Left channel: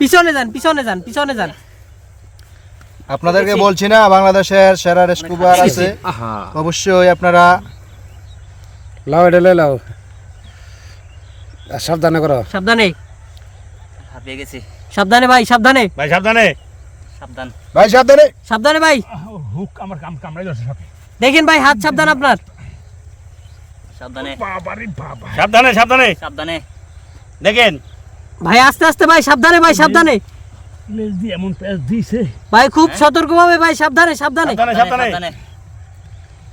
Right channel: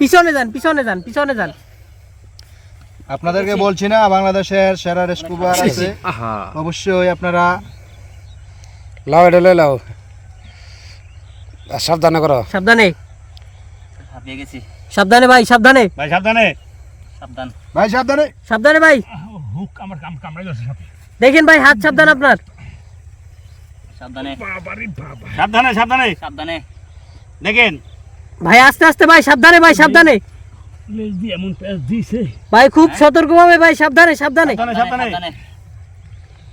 পিছনে যান পিছনে যান পিছনে যান। আপনাদেরকে বলছি না বাংলাদেশের সেরা রেস্কুবার আছে, অবশ্যই আপনারা লাও এটা লই লাও, সাবধানে করো। সাবধানে হাঁপিয়ে গেছি সাবধানে ভাই সাবধানে ভাই সাবধানে, সাবধান ভাই সাবধানে। সাবধানে ভাই। হুক আমার কামড়াই যাচ্ছে সাথে। দেখেন ভাই হাত সাবধান আপনার। সাবধানে বাবারে বাবা, সাবধানে সাবধানে সাবধানে দেখেন। ভাই আস্তে আস্তে ভাই সাবধানে ভাই সাবধানে লেজ দিয়ে এমন প্যাচ দিয়েছে। ভাই খুব সতর্কভাবে ভাই সাবধানে সাবধানে সাবধানে সাবধানে সাবধানে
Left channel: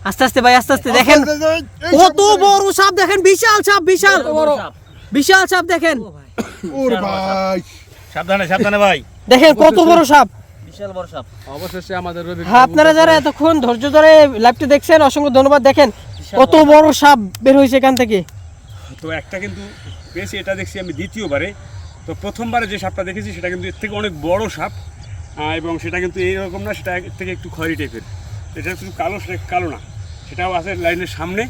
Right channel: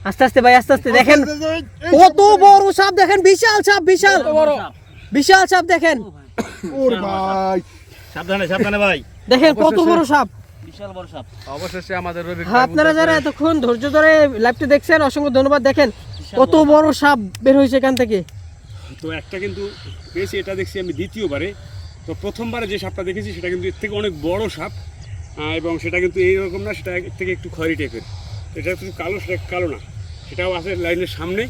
আস্তে আস্তে ভাই আস্তে আস্তে। দেখেন কত বড় সাপ, দেখেন বিশাল সাপ, বিশাল বড় বিশাল সাপ দেখেন। ওরে ভাই সাবধানে সাবধানে ভাই। দেখেন কত বড় সাপ। বিশাল বড় সাপ। অবশেষে আমাদের রবি হ্যাঁ আপনারা যারা এতক্ষণ ধৈর্য ধরে লাইভটি দেখছেন অসংখ্য ধন্যবাদ। দেখেন কত বড় সাপ বের হয়েছে এখান থেকে। তো একটা কিন্তু বেশি, এটা দেখছি আমি দ্বিতীয়বারে। তো প্রথমবারে যে সাপটা দেখেছি সেটা কিন্তু এর থেকে অনেক বড় সাপ, এবং সেটা কিন্তু এইরকম না, সেটা এর থেকে একটু খয়েরি টাইপের। এটা শুধু কালো, সেটা কালো না, সেটাও আছে লাইনের সামনে।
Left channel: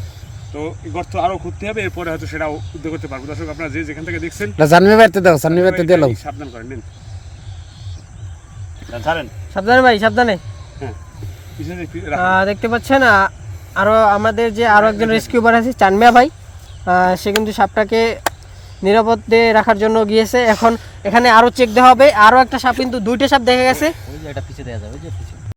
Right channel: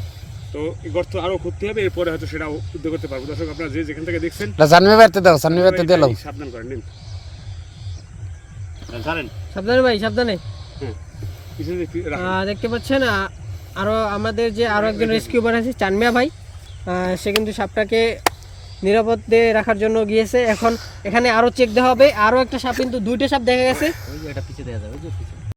তো এই গর্ত আরও খুঁজতে হবে, এরপরে হয়তো সেটাও উদ্যোগ করতে পারবো। দর্শক আপনারা যে যেখান থেকে দেখছেন জানবি বাড়তে দাও, জানবি বাড়তে দিলাও। সাবধান করেন, নিন জানেন। সাবধানে ভাই সাবধানে। হ্যাঁ পিছনে রাখুন। দেখতে পাচ্ছেন আরো আমাদের যে আরো একজন রেস্কিউবার আছে চানমিয়া ভাই, সে কিন্তু সাপটাকে নিরাপদে রাখার জন্য গিয়েছে। এখন এখানে আরো চেক দেওয়া হবে। আরো একটা সাপ, কিন্তু দুইটা সাপ দেখা গেছে। ওই যে এটা পিছে দেয়া যাবে, ওই যে পিছে